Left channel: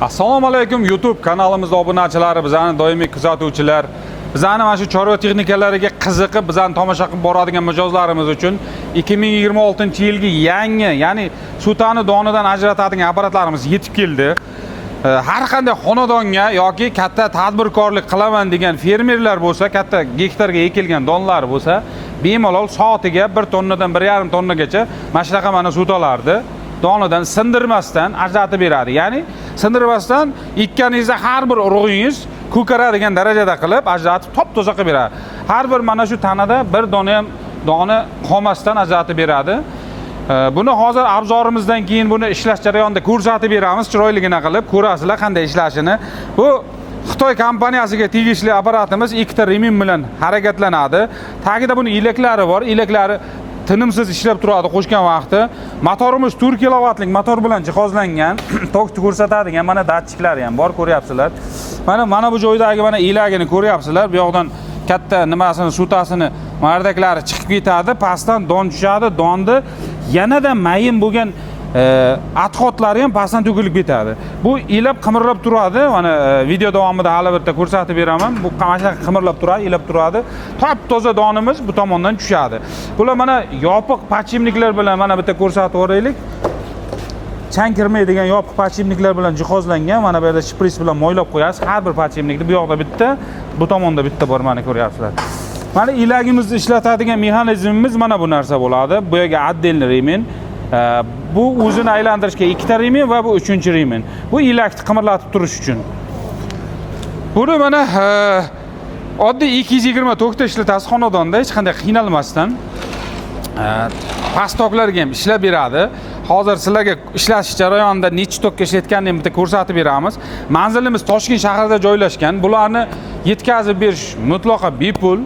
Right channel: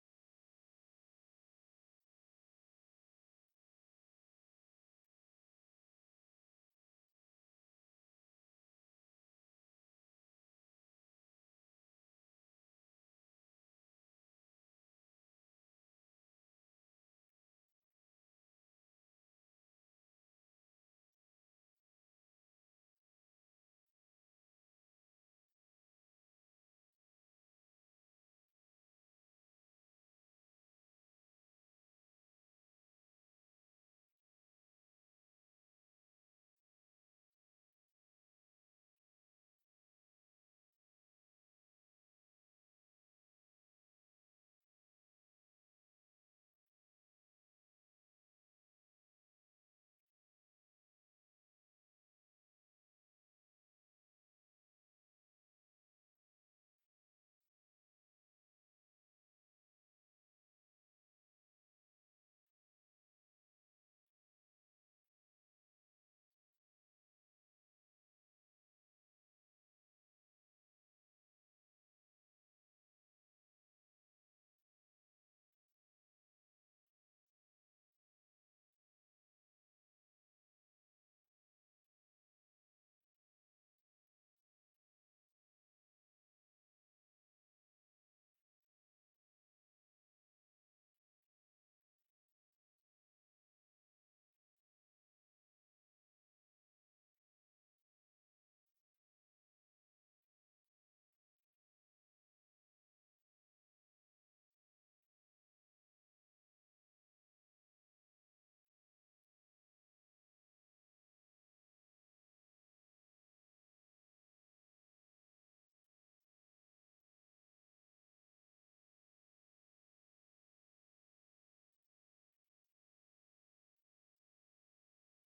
Assalomu alaykum YouTube kanalimizda obunachilari, bizani doimiy kuzatuvchilar, bizani mana shu chorva texnikalariga qiziqib, bizani tomosha qilib boradigan mijozlarimiz uchun 2026-yilgi yangi, ya'ni sutani donidan ajratadigan apparatlarimiz yetib keldi. Har qanday xonadonga yoki katta tadbirkorlik qilaman degan fermerlar bo'lsa, katta gektarga ekilgan donlar bo'lsa, bemalol soatiga 1 tonnadan 1,5 tonnagacha mana shunaqa mana sutalarni donidan sindirmasdan ajratib beradi. Ya'ni sindirmasdan ekkaningizda har bir urug'ingiz ko'karadigan darajada qilib ajratib top-toza qilib beradi. Har bir mana shu tanada bir dona ham doni qolmasdan ajratib beradi. Buni hozir abzorimizdan keyin buni ishlash jarayonida ko'rsatib beramiz, chiroyligina qilib ko'rasizlar qanday ishlashini. Bu Xitoy kompaniyasiga tegishli apparatimiz 2 ta remin bilan harakatlanadi. Tagida buni ilaklari bor. Ilaklari tinimsiz ishlab turadi qo'shgan vaqtda. Motorimiz 4 kilovatlik motor bilan jihozlangan. Tokni ko'rsatadigan mana datchiklari ham bor, ko'ryapsizlar. Mana bu joydagi mana ilagini ko'ryapsizlar. Bu yoqdan katta nimasini, sutasini mardaklari chiqib ketadi, pastdan don tushadi. Donni yanada mayin bo'lgan atxotlari ham pastdan to'kilib ketadi. Bu ilab qimirlab turadi. Mana video davomida hali bitta ko'rsatib beraman. Bu qamashlar qimirlab turadi, ilab turadi. Top-toza donimiz bu tomondan tushadi. Bular mana yopiq pachimniklar bilan mana bitta ko'rsatib o'raylik. Chang kirmaydigan yopiq pachimniklar bilan jihozlangan. Mana bu yerda shpris bilan moylab qo'yasiz. Har bir pachimnikni bu yoqda bitta, bu tomonda bitta bor, mana ko'ryapsizlar. Mana ilagimizni ishlatadigan mexanizmimiz mana bu narsa bo'ladi. Bu yerga отдельный remin. Bu o'zini aylantirishga 2 ta remin va bu 3-remin. Bu ilakni qimirlatib turish uchun. Buni mana oddiy 220 tokda ishlatasiz xonadonda hech qanday qiynalmasdan. Past toklarga ham ishlab beradi. Hozir sizlarga ishlash jarayonida necha tokka ishlatganini bitta ko'rsatib beramiz. Manzilimiz Toshkent shahrida joylashgan. Bularni yetkazib berish mutlaqo bepul.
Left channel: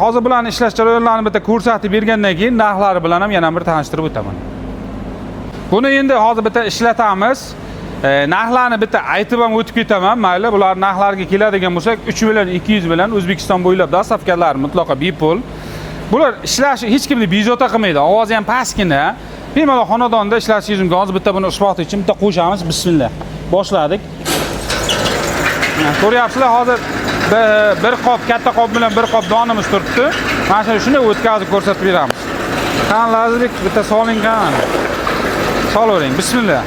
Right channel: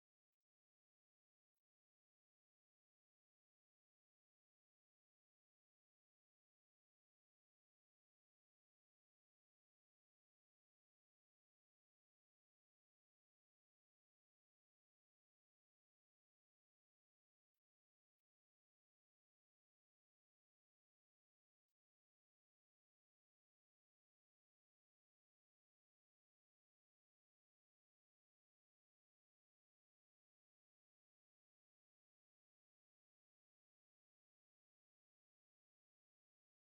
Hozir bularni ishlash jarayonlarini bitta ko'rsatib bergandan keyin narxlari bilan ham yana bir tanishtirib o'taman. Buni endi hozir bitta ishlatamiz. Narxlarni bitta aytib ham o'tib ketaman. Mayli, bular narxlarga keladigan bo'lsak, 3 million 200 bilan O'zbekiston bo'ylab dastavkalar mutlaqo bepul. Bular ishlashi hech kimni bezovta qilmaydi. Ovozi ham pastgina. Bemalol xonadonda ishlashingiz mumkin. Hozir bitta buni isboti uchun bitta qo'shamiz. Bismillah. Boshladik. Ko'ryapsizlar, hozir bir qop, katta qop bilan bir qop donimiz turibdi. Mana shuni o'tkazib ko'rsatib beramiz. Qani Lazizbek, bitta soling qani. Solavering. Bismillah.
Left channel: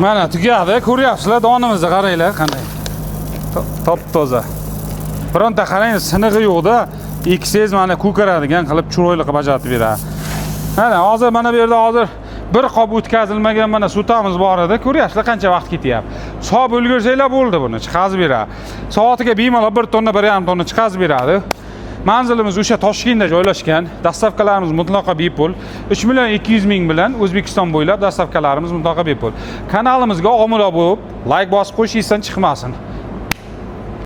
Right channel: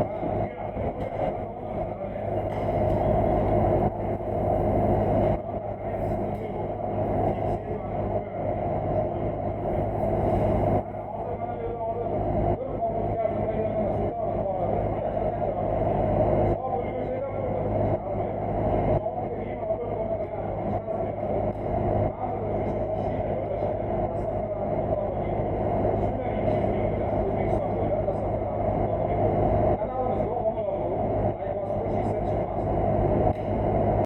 Mana tugadi, ko'ryapsizlar, donimizni qaranglar qanday. Top-toza. Bironta qarang, sinig'i yo'qda, eksangiz mana ko'karadigan qilib chiroyli qilib ajratib beradi. Mana hozir mana bu yerda hozir bir qop o'tkazilmagan mana sutamiz bor edi. Ko'ryapsizlar qancha vaqt ketyapti. Solib ulgursanglar bo'ldi buni, chiqazib beradi. Soatiga bemalol 1 tonna, 1,5 tonna chiqazib beradi. Manzilimiz o'sha Toshkentda joylashgan. Dastavkalarimiz mutlaqo bepul. 3.200.000 bilan O'zbekiston bo'ylab dastavkalarimiz mutlaqo bepul. Kanalimizga obuna bo'lib, like bosib qo'yishingizdan chiqmasin.